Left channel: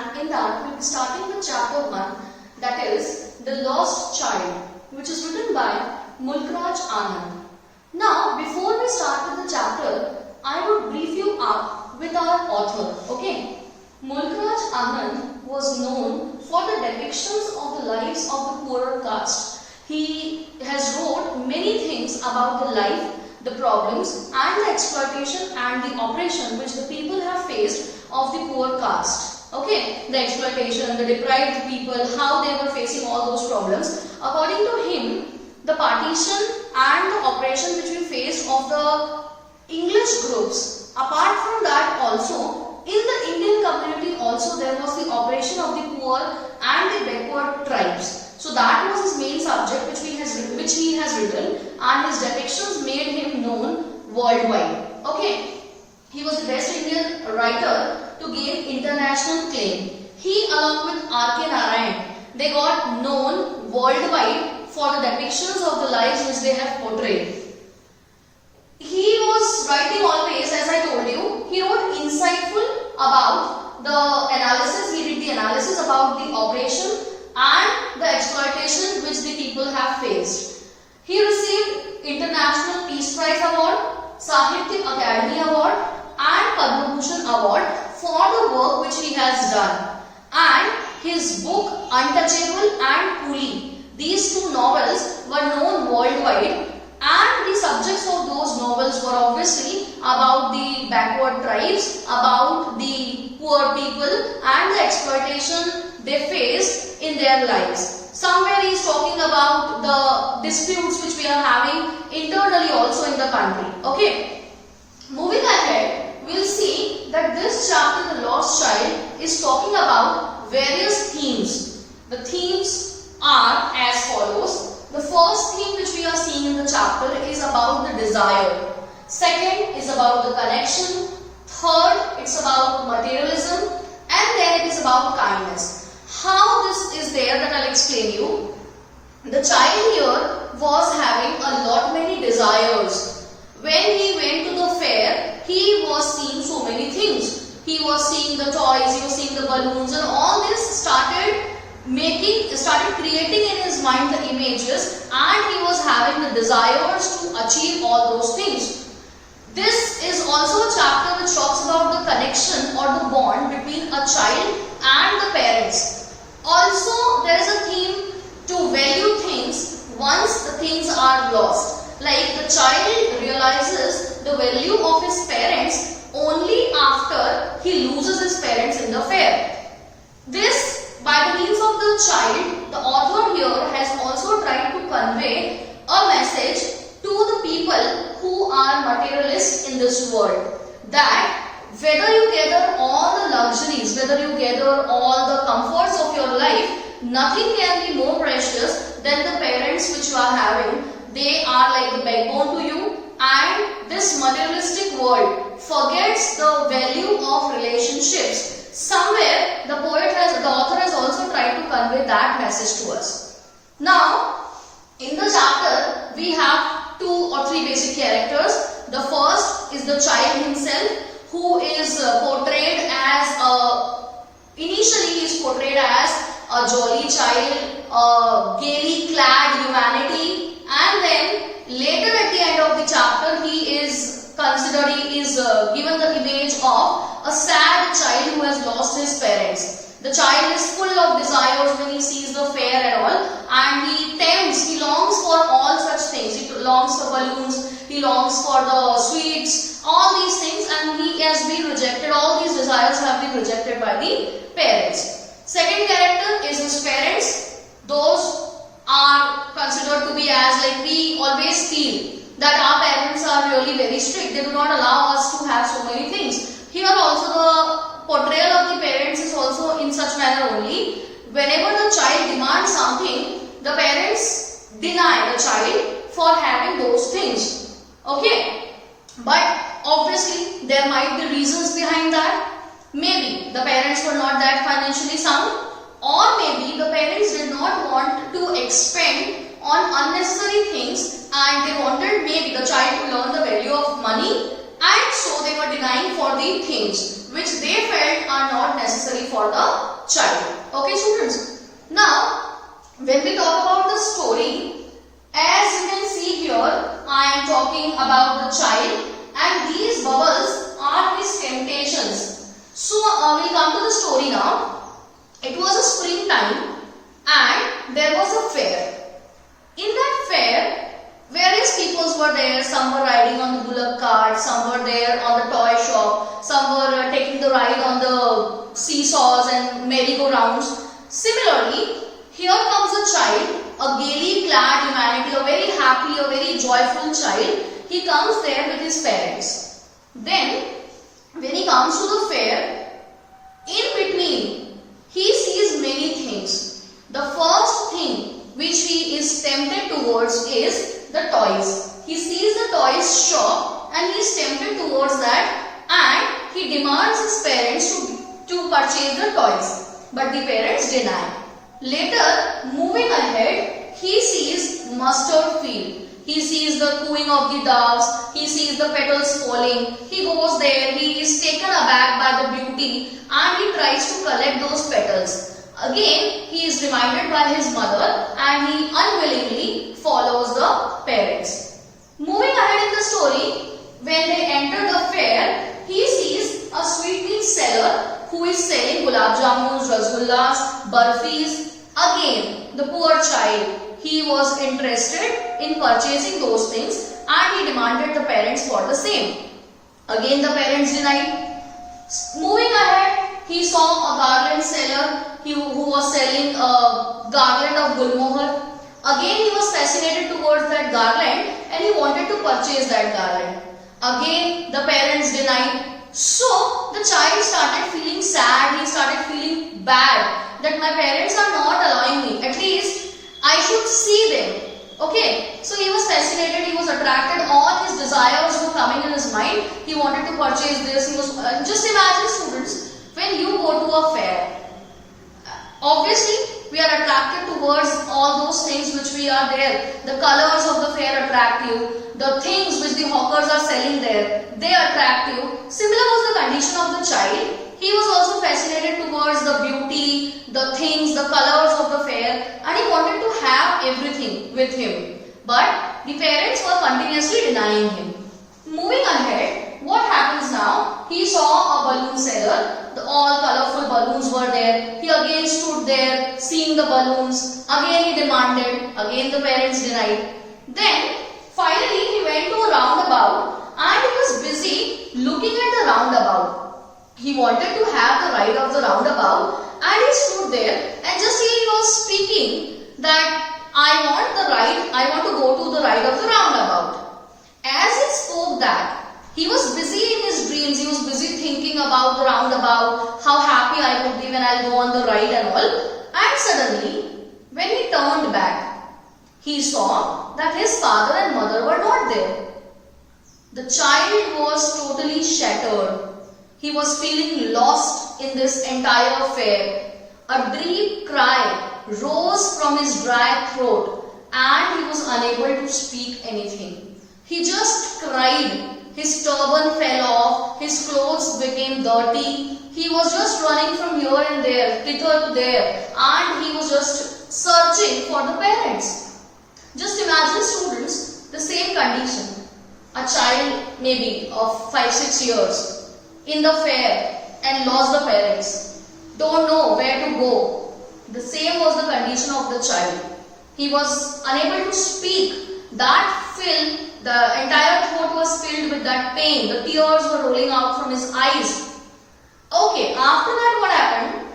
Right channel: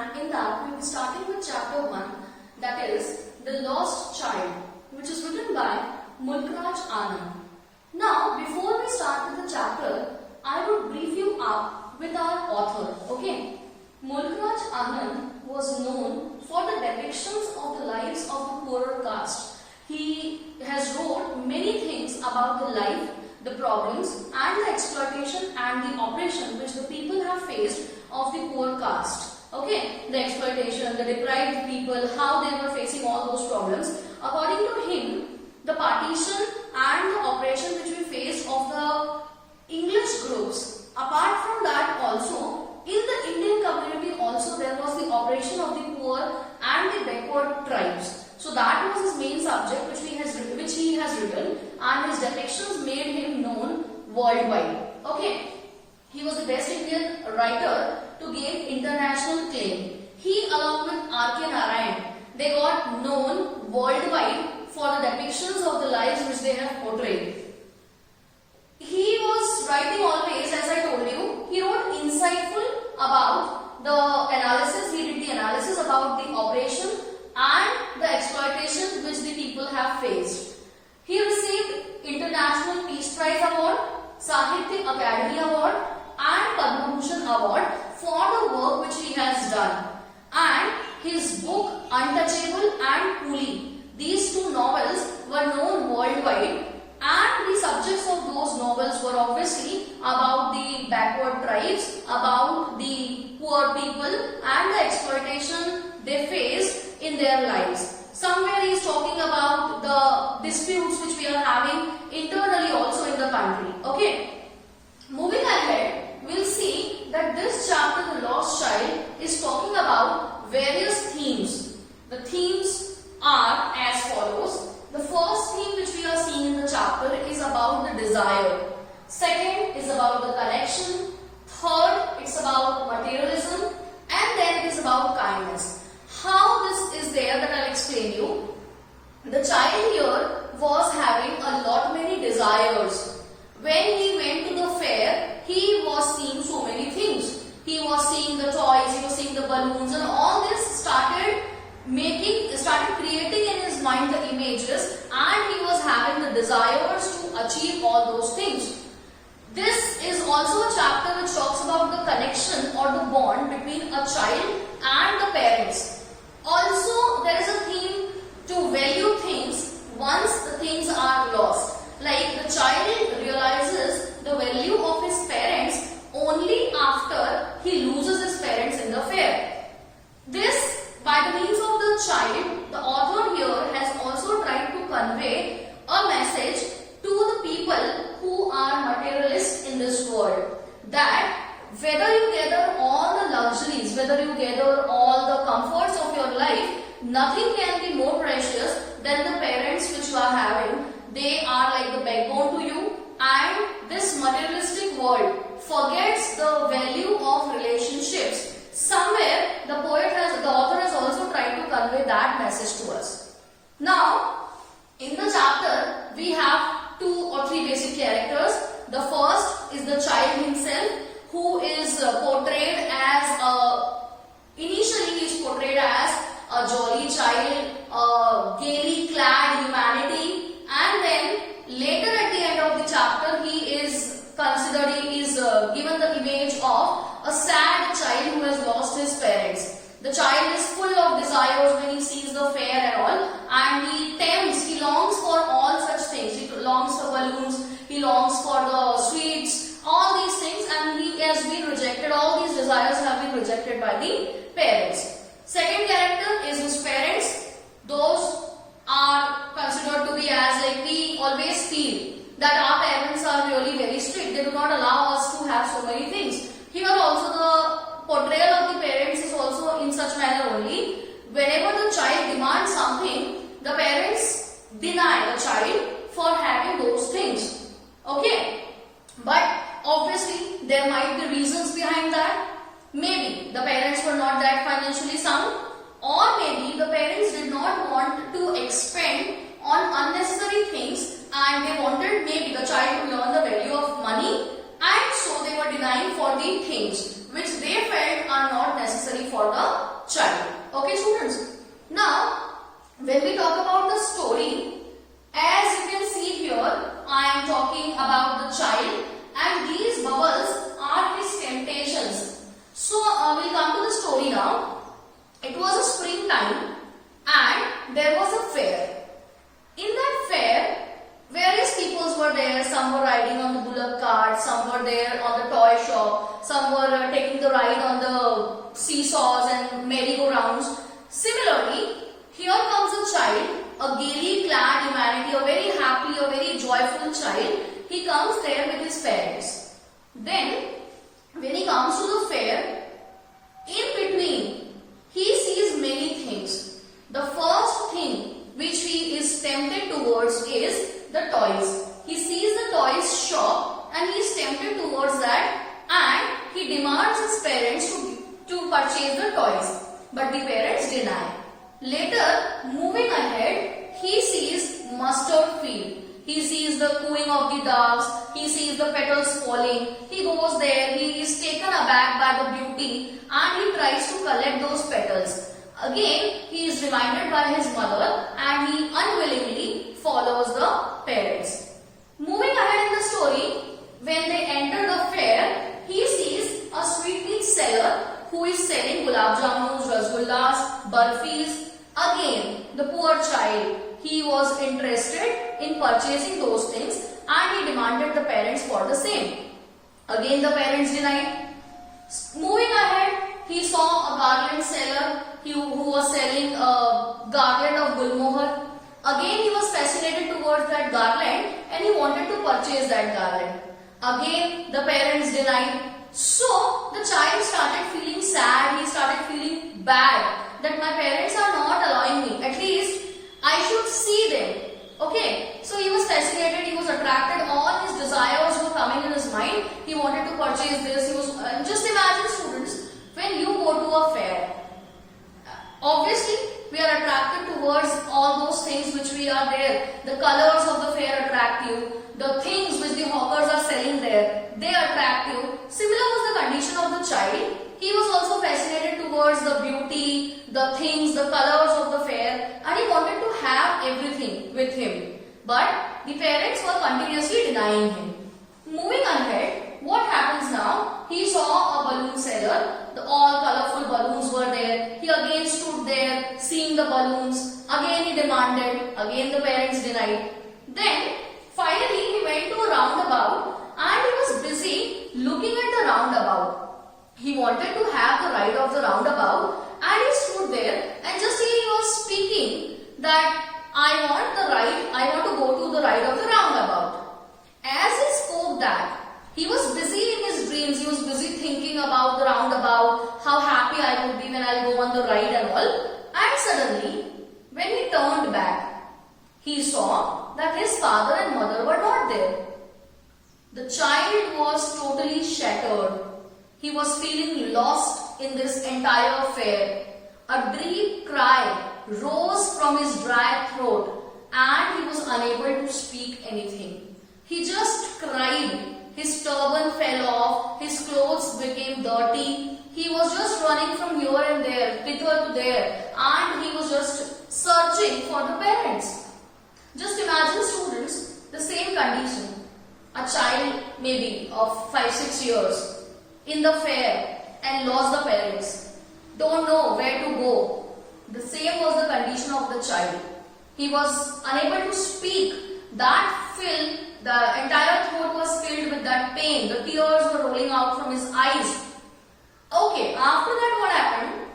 and in that we'll be starting with chapter 1, that is The Lost Child, which is written by Mulkraj Anand. Now, before we start with the chapter, I would brief you up with our author. Okay, Mulkraj Anand was known for the depictions of the lives of the poorer caste. He has wrote many things about the life, the problems and the exploitation and the oppression which the people have faced of the poor caste. Okay, the exploitation, the deprived people, how they were facing all those problems. According to him, the partition and the oppression which we faced of the English groups, apart from that also, in the Indian community also there was the oppression of the poor and the backward tribes. So that was his main subject which he has written, and his depictions made him known worldwide. Okay, he was the best Indian writer to gain international claim. He along with R.K. Narayan, they got known worldwide for the depictions of the lives which they have portrayed. He was writing always, as I told you, he wrote insightful about the analysis, he did the analysis about the oppression and the exploitation which the people have faced. He received International Peace Prize Award, Sahitya Academy Award and Padma Bhushan Award for the work which he has done. And his book Untouchable and Coolie, these two novels were known worldwide, and the subjects of those novels were obviously about the backward tribes, about the poor people and the exploitation they faced in their lives. Somewhere he is talking about the disputes which we are having internally also in the country. Okay, moving ahead, we will see that this chapter, The Lost Child, is talking about various themes. The themes are as follows. The first theme which we are seeing in the chapter is about the desire. Second is about the connection. Third, it's about materialism. And then it is about kindness. How this is there, that I'll explain you. The child here was having a lot many desires. When he went to the fair, he was seeing so many things. He was seeing the toys, he was seeing the balloons, and all this started creating in his mind the images, and he was having the desires to achieve all those things. This is also a chapter which talks about the connection or the bond between a child and the parents. Also, there is a theme to value things once the things are lost. Like the child realizes the value of his parents only after he loses his parents in the fair. This, by the means of the child, the author here has also tried to convey a message to the people who are materialists in this world, that whether you gather all the luxuries, whether you gather all the comforts of your life, nothing can be more precious than the parents which you are having. They are like the backbone to you, and this materialistic world forgets the value of relationships. Somewhere the author has also tried to convey that message to us. Now, in the chapter, we have 2 or 3 basic characters. The first is the child himself, who is portrayed as initially he is portrayed as a jolly child, gaily clad humanity, and then later at the end of the chapter he is given the image of a sad child who has lost his parents. The child is full of desires when he sees the fair and all, and he longs for all such things. He longs for balloons, he longs for the sweets, all these things, and he has been rejected. All these desires have been rejected by the parents. Second character is his parents. Those are considered to be as, like, we always feel that our parents are really very strict. They do not allow us to have so many things. Here also the portrayal of the parents is also in such manner only. Whenever the child demands something, the parents deny the child for having those things. Okay? But obviously there might be reasons behind that. Maybe the parents were not that financially sound, or maybe the parents did not want to expend on unnecessary things, and they wanted maybe the child to learn the value of money and so they were denying for the things which they felt are not necessary for the child. Okay students, now when we talk about the story, as you can see here, I am talking about the child and these bubbles are his temptations. So we'll come to the story now. It was a springtime and there was a fair. In that fair, various peoples were there. Some were riding on the bullock cart, some were there on the toy shop, some were taking the ride on the seesaws and merry-go-rounds. Similarly, here comes a child, a gaily clad humanity, a very happy, a very joyful child. He comes there with his parents. Then, when he comes to the fair, in between, he sees many things. The first thing which he is tempted towards is the toys. He sees the toys shop and he is tempted towards that and he demands his parents to purchase the toys. But the parents deny. Later, moving ahead, he sees mustard field. He sees the cooing of the doves. He sees the petals falling. He goes there. He is taken aback by the beauty and he tries to collect those petals. Again, he is reminded by his mother and he unwillingly follows the parents. Moving ahead in the story, when they enter the fair, he sees a sweetmeat seller who is selling gulab jamuns, rasgullas, barfis. Again, the poor child, he was interested in purchasing those things and he demanded the parents for the same. Again, the parents denied. Moving ahead, he saw a garland seller who was selling a garland of gulmohar. Again, he was fascinated towards that garland and he wanted to purchase that garland. Again, the parents denied. So, the child started feeling sad, he started feeling bad that my parents are not allowing me. At least, I should see them. Okay, so he was fascinated, he was attracted, all his desires were coming in his mind. He wanted to purchase this. He was just imagine students, when you go to a fair, obviously we are attracted towards all those things which we are there. The colors of the fair attract you. The things which the hawkers are selling there, they attract you. Similar was the condition of the child. He was also fascinated towards the beauty, the things, the colors of the fair and he wanted to have everything with him. But the parents were continuously denying him. Moving ahead, what happens now? He saw a balloon seller. All colorful balloons were there. He again stood there seeing the balloons. Again he demanded. Again the parents denied. Then finally he went to a roundabout and he was busy looking at the roundabout. He wanted to have the ride of the roundabout and he stood there and just he was speaking that I want to go to the ride of the roundabout. As he spoke that, he was busy in his dreams, he was busy thinking about the roundabout, how happy I would be when I'll go on the ride and all. And suddenly, when he turned back, he saw that his father and mother were not there. The child was totally shattered. He was feeling lost in this entire fair. A deep cry rose from his dry throat and he was unable to speak anything. He just cried. His turban fell off, his clothes became dirty. He was just running from here and there, thither to there, and he was just searching for the parents. Just imagine students, the same condition. A child maybe of 5-6 years in the fair and lost the parents. Don't know where to go. The same was the condition of the child. He was unable to speak. That filled, the entire throat was filled with that pain. The tears were rolling out from his eyes. Okay, after that what happened?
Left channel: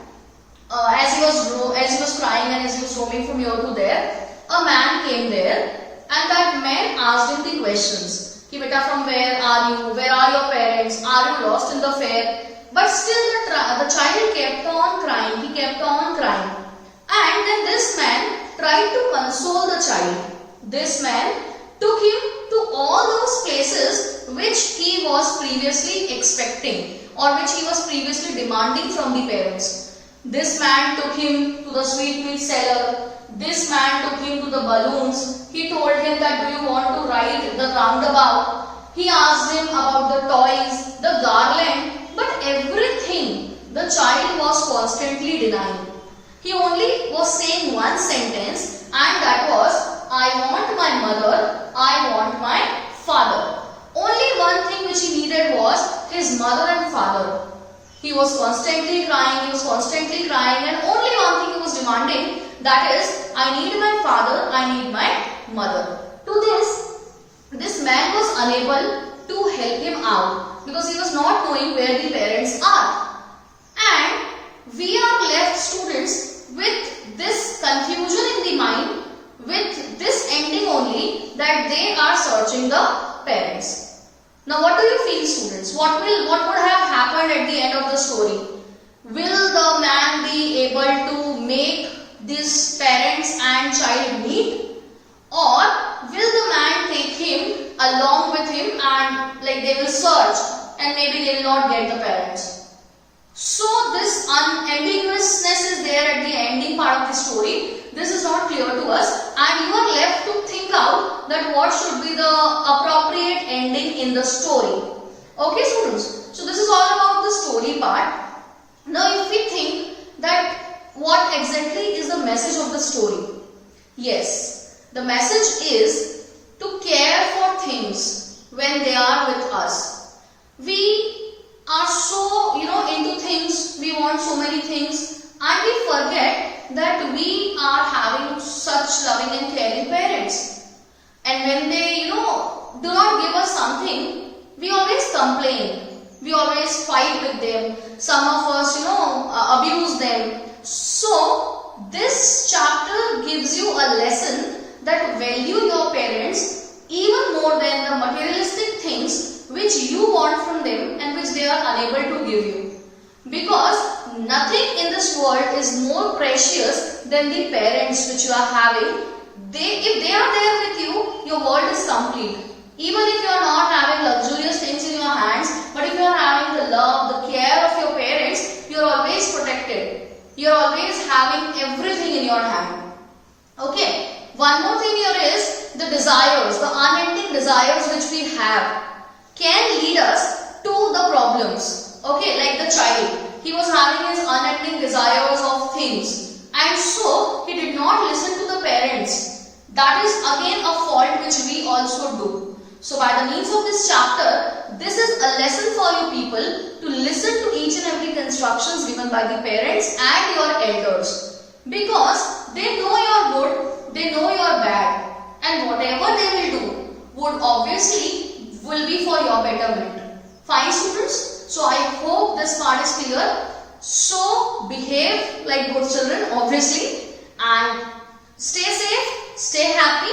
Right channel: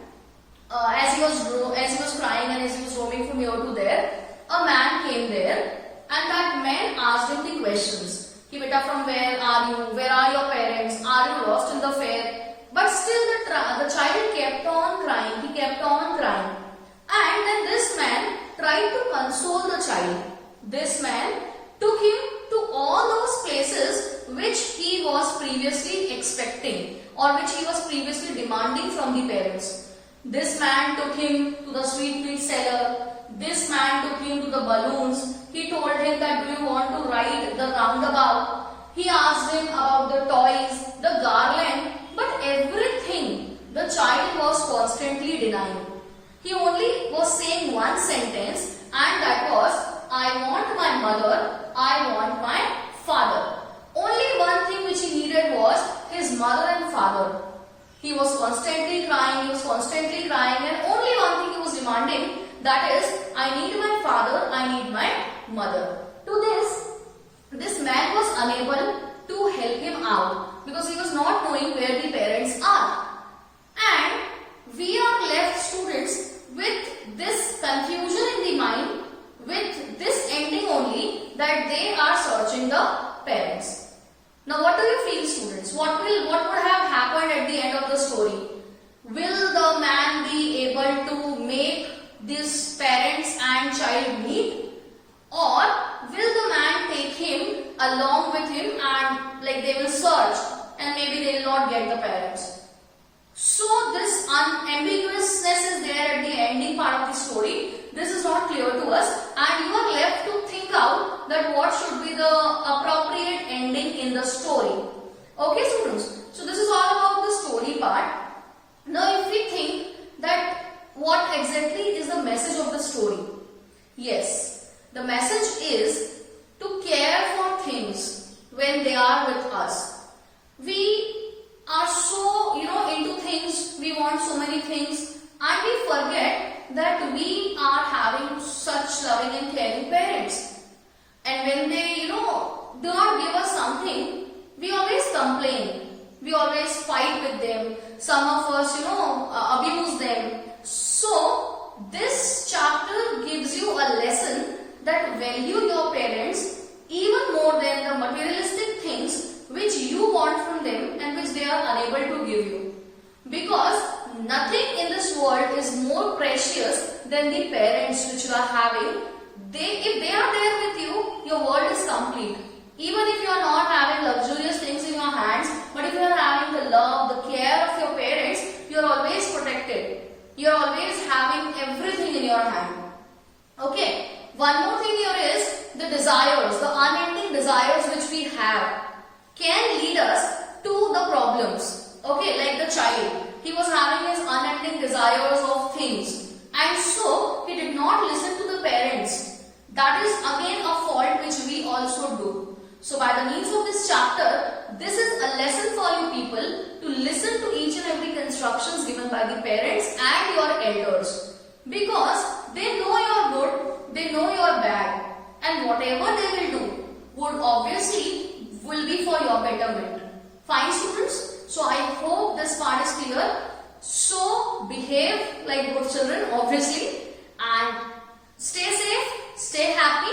As he was crying and as he was roaming from here to there, a man came there and that man asked him the questions. Ki beta, from where are you? Where are your parents? Are you lost in the fair? But still the child kept on crying. He kept on crying. And then this man tried to console the child. This man took him to all those places which he was previously expecting or which he was previously demanding from the parents. This man took him to the sweetmeat seller. This man took him to the balloons. He told him that do you want to ride the roundabout? He asked him about the toys, the garland, but everything the child was constantly denying. He only was saying one sentence, and that was, I want my mother, I want my father. Only one thing which he needed was his mother and father. He was constantly crying, and only one thing he was demanding, that is, I need my father, I need my mother. To this man was unable to help him out because he was not knowing where the parents are. And we are left, students, with this confusion in the mind, with this ending only, that they are searching the parents. Now what do you feel, students? What would have happened at the end of the story? Will the man be able to make these parents and child meet? Or will the man take him along with him and they will search and maybe they will not get the parents? So this ambiguousness is there at the ending part of the story. This is not clear to us, and you are left to think out that what should be the appropriate ending in the story. Okay, students? So this is all about the story part. Now if we think that what exactly is the message of the story? Yes, the message is to care for things when they are with us. We are so into things, we want so many things, and we forget that we are having such loving and caring parents. And when they do not give us something, we always complain, we always fight with them, some of us abuse them. So this chapter gives you a lesson that value your parents even more than the materialistic things which you want from them and which they are unable to give you. Because nothing in this world is more precious than the parents which you are having. If they are there with you, your world is complete. Even if you are not having luxurious things in your hands, but if you are having the love, the care of your parents, you are always protected. You are always having everything in your hand. Okay. One more thing here is the desires, the unending desires which we have can lead us to the problems. Okay, like the child. He was having his unending desires of things, and so he did not listen to the parents. That is again a fault which we also do. So by the means of this chapter, this is a lesson for you people to listen to each and every instructions given by the parents and your elders, because they know your good, they know your bad, and whatever they will do would obviously will be for your betterment. Fine, students? So I hope this part is clear. So behave like good children, obviously, and stay safe, stay happy.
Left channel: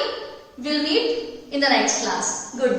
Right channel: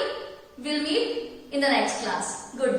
We'll meet in the next class. Good day.